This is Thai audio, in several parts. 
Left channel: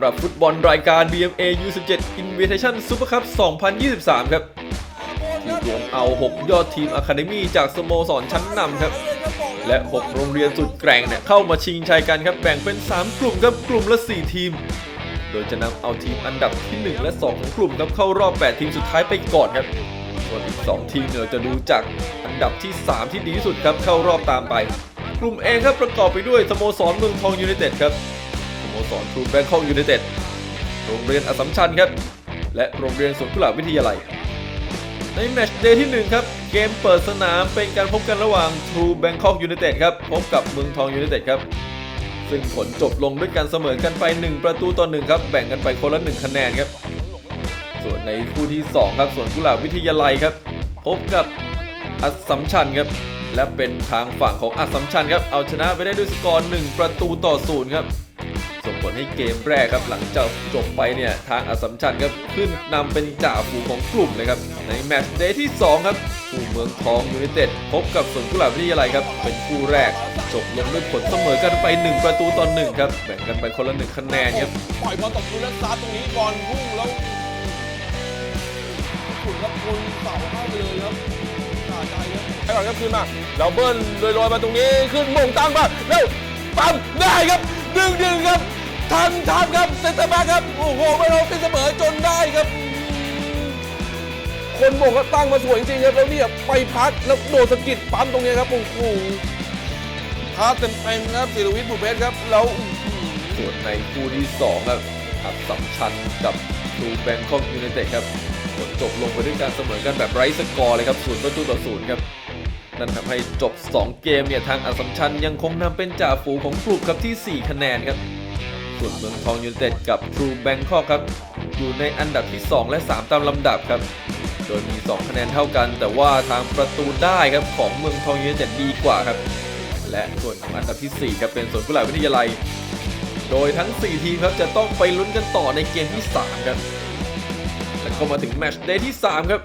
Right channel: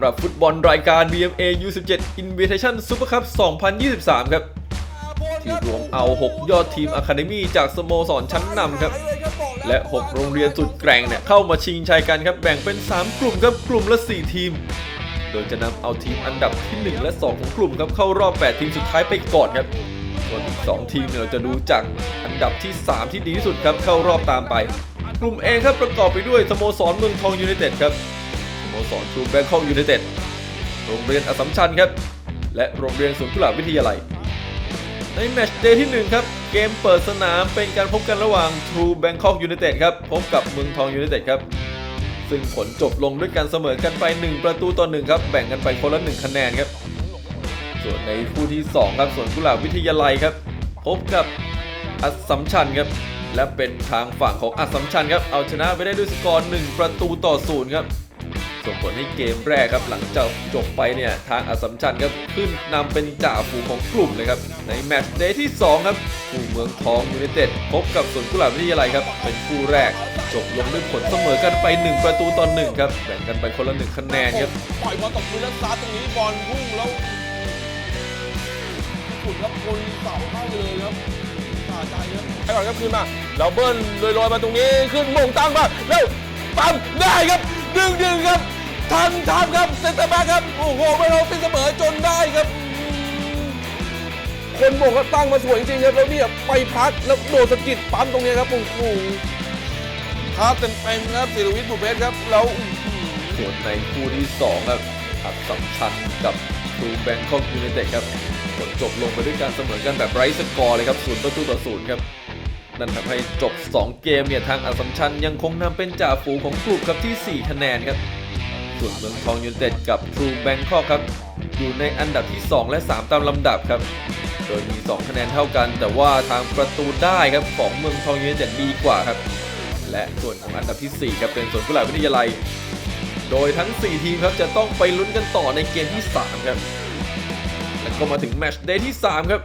ำหรับฟุตบอลรายการ BMA U17 Invitation Super Cup 2023 ครับ เอา 6 ยอดทีมอะคาเดมี่จากสโมสรชั้นนำครับ และ 6 โรงเรียนสุดแกร่งเนี่ยเข้ามาชิงชัยกันครับ แบ่งเป็น 3 กลุ่มครับ กลุ่มละ 4 ทีม โดยจะนำเอาทีมอันดับที่ 1 และ2ของกลุ่มครับเข้ารอบ 8 ทีมสุดท้ายไปก่อนครับส่วนอีก 2 ทีมเนี่ยเราจะดูจากอันดับที่ 3 ที่ดีที่สุดครับเข้ารอบตามไป กลุ่มเองครับประกอบไปด้วยสโมสรเมืองทองยูไนเต็ดครับ สโมสรทรูแบงคอกยูไนเต็ดโรงเรียนอัสสัมชัญครับ และโรงเรียนสวนกุหลาบวิทยาลัย ในแมตช์เดย์ที่ 1 ครับ เกมเปิดสนามเป็นการพบกันระหว่าง True Bangkok United ครับพบกับเมืองทองยูไนเต็ดครับซึ่งผลจบลงด้วยการเสมอกันไป 1 ประตูต่อ1ครับแบ่งกันไปคนละ 1 คะแนนครับ ส่วนในคู่ที่ 2 ครับสวนกุหลาบวิทยาลัยครับ พบกับอัสสัมชัญครับ และเป็นทางฝั่งของอัสสัมชัญครับ เอาชนะไปได้ด้วยสกอร์1ประตูต่อ0ครับ เกมแรกครับหลังจากจบไปเนี่ยทางอสัมชัญครับขึ้นนำเป็นจ่าฝูงของกลุ่มเลยครับ ในแมตช์เดย์ที่ 2 ครับคู่เมืองทองยูไนเต็ดพบกับสวนกุหลาบวิทยาลัยครับ เป็นคู่แรกจบลงด้วยผลเสมอกันไป 1 ประตูต่อ1ครับแบ่งกันไปคนละ1คะแนนครับปล่อยบอลตกพื้นแล้วซัดตรงนี้บอลพุ่งแล้วขุนครับคนเสาเข้าไปเลยครับสาใจครับไปก่อนครับคืนมาแล้วเบิ้ลลอยๆมาตรงนี้ขึ้นมงตั้งมาแล้วปั๊มได้ครับดึงดึงครับ ทันทันครับเซนเตอร์แบ็คครับ โอ้โหไม่เราตีเสมอจนได้ครับ คนมงก็ตั้งมาสวยจริงๆครับแล้วเนี่ยไปพักแล้วโดดสะกิดปั๊มตรงนี้ครับโอ้โหท้าเต็มๆครับศิรวิทย์บุเพชรครับแล้วอื้อหือส่วนในคู่ที่2ครับอัสสัมชัญกับทรูแบงคอกยูไนเต็ดครับจบลงไปด้วยการเสมอกันแบบไร้สกอร์เลยครับ0ประตูต่อ0ครับนั่นทำให้จบ 2 เกมเนี่ยทางอัสสัมชัญยังคงนำเป็นจ่าฝูงของกลุ่มครับที่ 4 คะแนนครับ ส่วนเมืองทองยูไนเต็ดกับทรูแบงคอกครับ อยู่ในอันดับที่ 2 และ 3 ตามลำดับครับโดยมี 2 คะแนนเท่ากัน แต่ว่าทางประตูได้ครับของเมืองทองยูไนเต็ดดีกว่าครับ และส่วนอันดับทีสี่ 4 ครับเป็นส่วนกุหลาบวิทยาลัย โดยทั้ง 4 ทีมครับจะต้องไปลุ้นกันต่อในเกมที่ 3 ครับก็มาถึงแมตช์เดย์ที่ 3 ครับ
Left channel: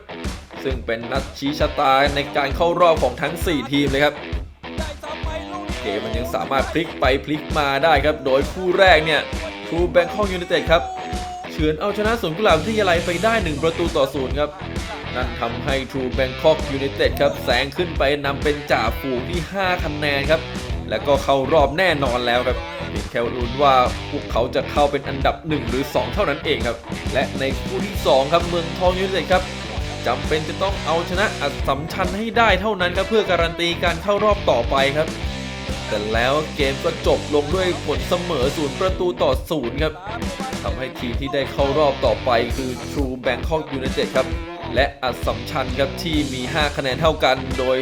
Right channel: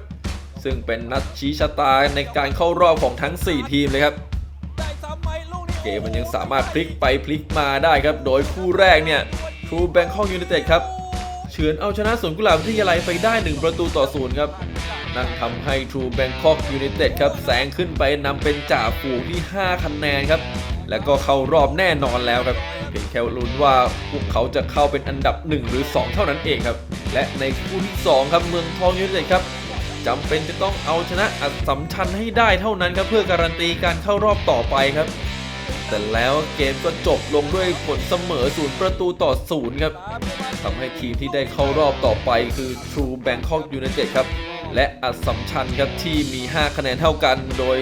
ซึ่งเป็นนัดชี้ชะตาในการเข้ารอบของทั้ง 4 ทีมเลยครับ เกมมันยังสามารถพลิกไปพลิกมาได้ครับ โดยคู่แรกเนี่ยทรูแบงคอกยูไนเต็ดครับเฉือนเอาชนะสวนกุหลาบวิทยาลัยไปได้ 1 ประตูต่อศูนย์ครับนั่นทำให้ True Bangkok United ครับแซงขึ้นไปนำเป็นจ่าฝูงที่ 5 คะแนนครับ แล้วก็เข้ารอบแน่นอนแล้วครับเพียงแค่ลุ้นว่าพวกเขาจะเข้าเป็นอันดับ 1 หรือ 2 เท่านั้นเองครับ และในคู่ที่ 2 ครับเมืองทองยูไนเต็ดครับจำเป็นจะต้องเอาชนะอัสสัมชัญให้ได้เท่านั้นครับเพื่อการันตีการเข้ารอบต่อไปครับ แต่แล้วเกมก็จบลงด้วยผลเสมอศูนย์ประตูต่อศูนย์ครับทำให้ทีมที่ได้เข้ารอบต่อไปคือ True Bangkok United ครับ และอัสสัมชัญครับที่มี 5 คะแนนเท่ากัน โดย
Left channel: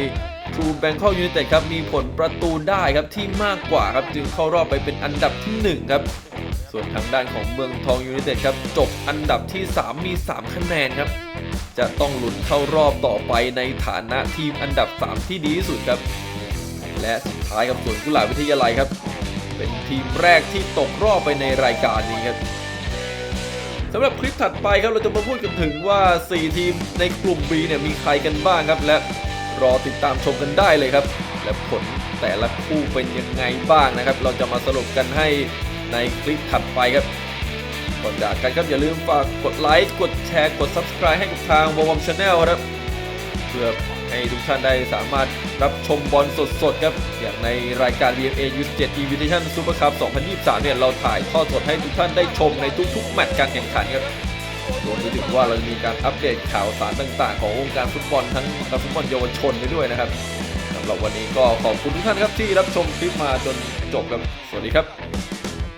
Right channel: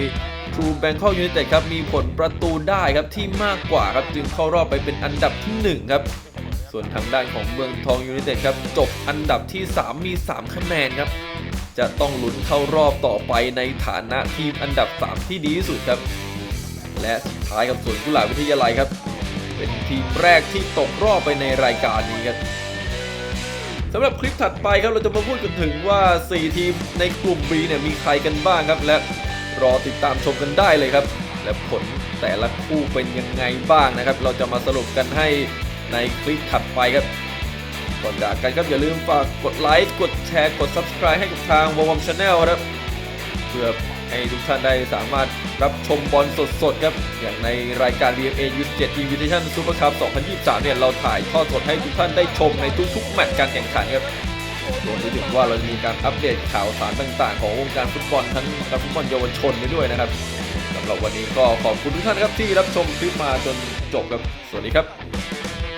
True Bangkok United ครับมีผลประตูได้ครับที่มากกว่าครับจึงเข้ารอบไปเป็นอันดับทีหนึ่1 ครับ ส่วนทางด้านของเมืองทองยูไนเต็ดครับจบอันดับที่ 3 มี 3 คะแนนครับ จะต้องลุ้นเข้ารอบต่อไปในฐานะทีมอันดับ 3 ที่ดีที่สุดครับ ท้ายกับสวนกุหลาบวิทยาลัยครับ เป็นทีมแรกที่ตกรอบไปในรายการนี้ครับสำหรับคลิปถัดไปครับเราจะมาพูดกันถึงว่า 4 ทีมในกลุ่ม B เนี่ยมีใครกันบ้างครับ และรอติดตามชมกันได้เลยครับและผลแต่ละคู่เป็นยังไงบ้างนะครับ เราจะมาสรุปกันให้ในคลิปถัดไปครับก่อนจากกันครับอย่าลืมฝากกดไลค์กดแชร์กด subscribe ให้ทางโมวังชาแนลนะครับ พื่อให้ทุกท่านได้สามารถรับชมบอลสดๆครับอย่างในรายการ DNA 27 Invitation Super Cup 2023 เนี่ยเราถ่ายทอดสดให้ทุกท่านได้ชมในทุกๆแมตช์การแข่งขันครับรวมถึงว่าเรามีการอัปเดตข่าวสารต่างๆ ของวงการฟุตบอลทั้งนักฟุตบอลเยาวชนไปด้วยนะครับสำหรับวันนี้ก็ขอบคุณทุกท่านครับที่รับชมคลิปมาจนจบครับ สวัสดีครับ